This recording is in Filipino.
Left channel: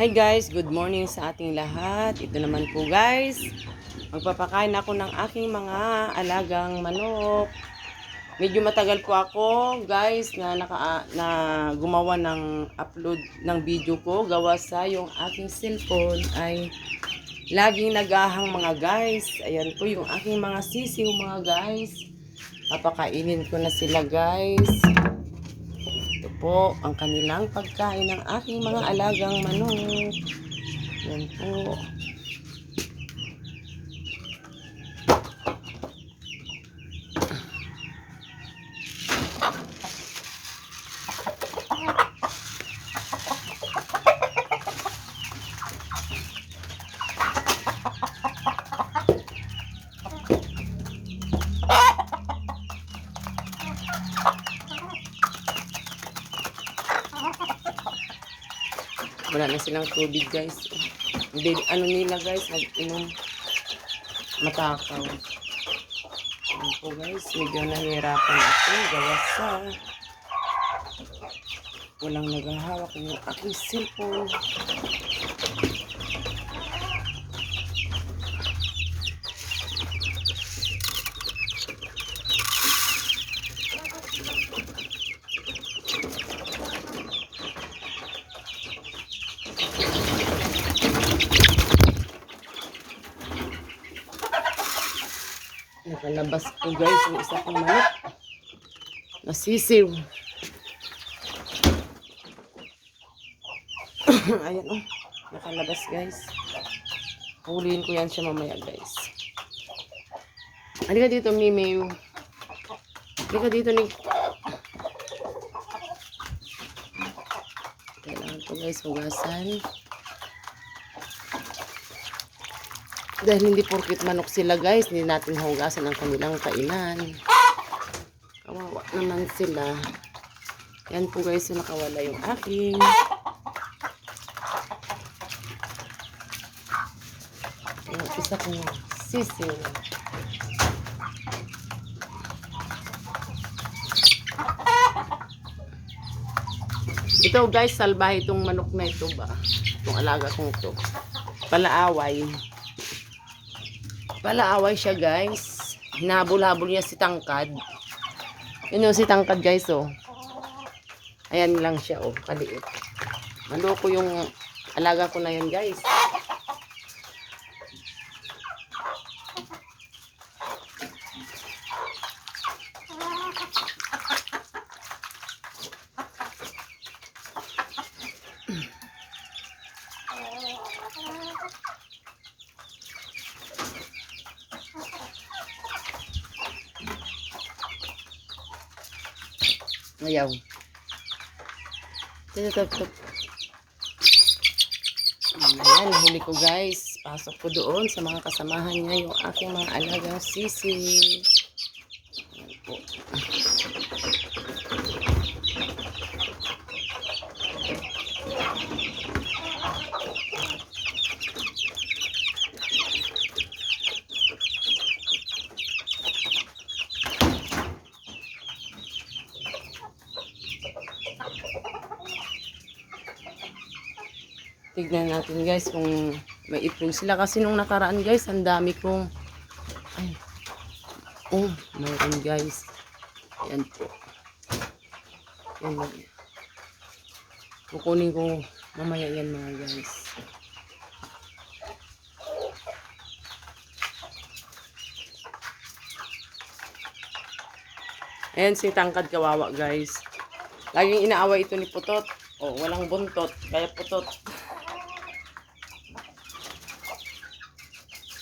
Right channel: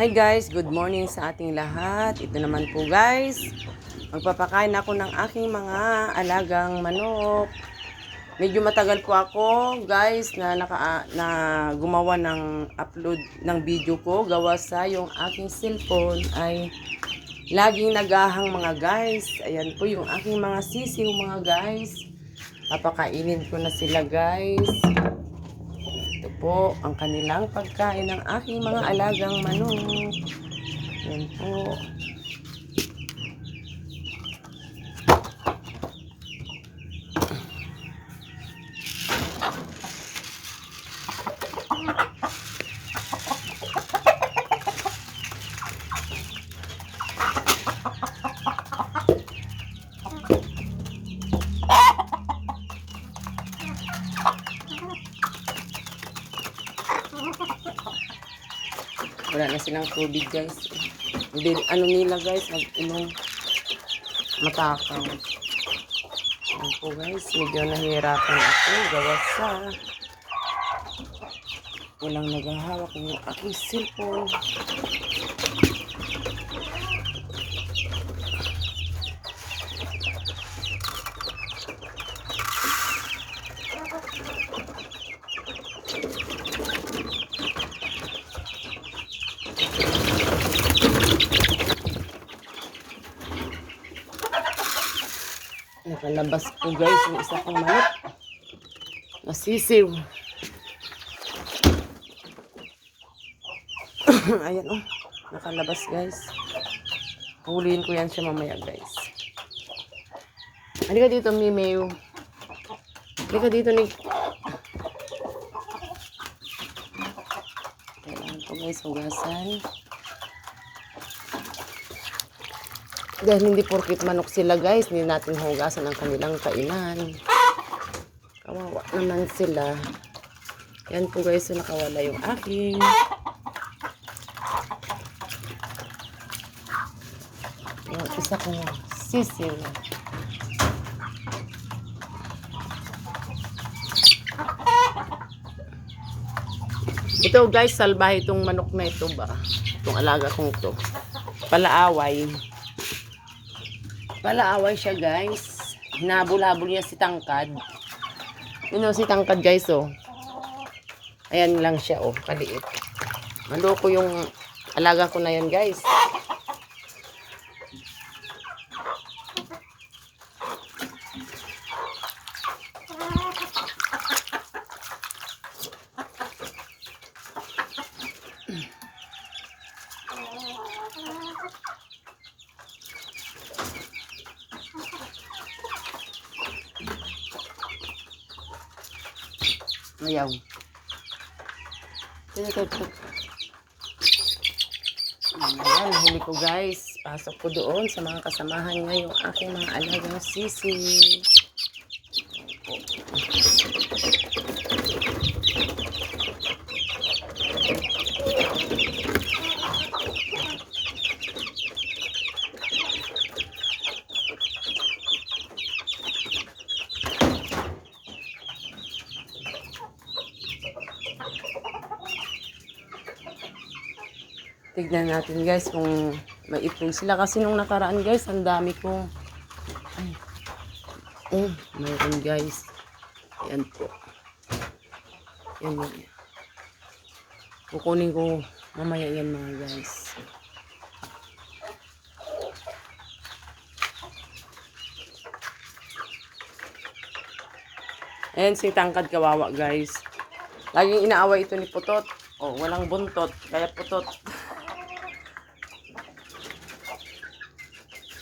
Hi guys, good morning sa ating lahat. Ito naman po guys, magpapakain ako ng aking mga alagang manok. Medyo matagal po ako guys na naka na gumawa ng upload ng video ko gawa sa yung aking cellphone ay laging nagahang mga guys. Ayan po yung aking mga sisiw mga guys. Papakainin ko na sila guys. Po ang kanilang pagkain ng aking mga alagang manok. Yan po. Wala na silang tubig guys. Hindi, ano nila guys, nag-inom matakaw. Yan po guys, medyo nahihirapan ako gawa sa walang naghahawak ng aking cellphone. Nakalabas po guys yung isa kong manok. Nasisiw. Ayan oh. Nakalabas guys. Huliin ko yan siya mamaya guys. Halika dito Mimew. Halika dito ni. Kailangan ko guys hugasan. Dahil hindi porkit manok sila guys, hindi natin hugasan ang kanilang kainan. Kawawa naman sila. Yan po guys, so nakawala yung aking. Yung isa kong sisiw. Ito guys, salbahe itong manok na ito ba? Itong alaga kong ito. Palaaway. Palaaway siya guys. Hinabol-habol niya si Tangkad. Yun yung si Tangkad guys oh. Ayan lang siya oh, kaliit. Maloko yung alaga ko na yan guys. Ayaw. Ito, ito, ito. Ayan, nahuli ko guys. Pasok ko doon sa mga kasamahan niya yung aking mga alagang sisi. Ayan po. Tignan natin guys kung may ipon sila. Kasi nung nakaraan guys, ang dami kong... Ay. Oh, mayroon guys. Ayan po. Yan yan. Kukunin ko mamaya yan mga guys. Ayan si Tangkad Kawawa guys. Laging inaaway ito ni Putot. Oh, walang buntot. Kaya Putot.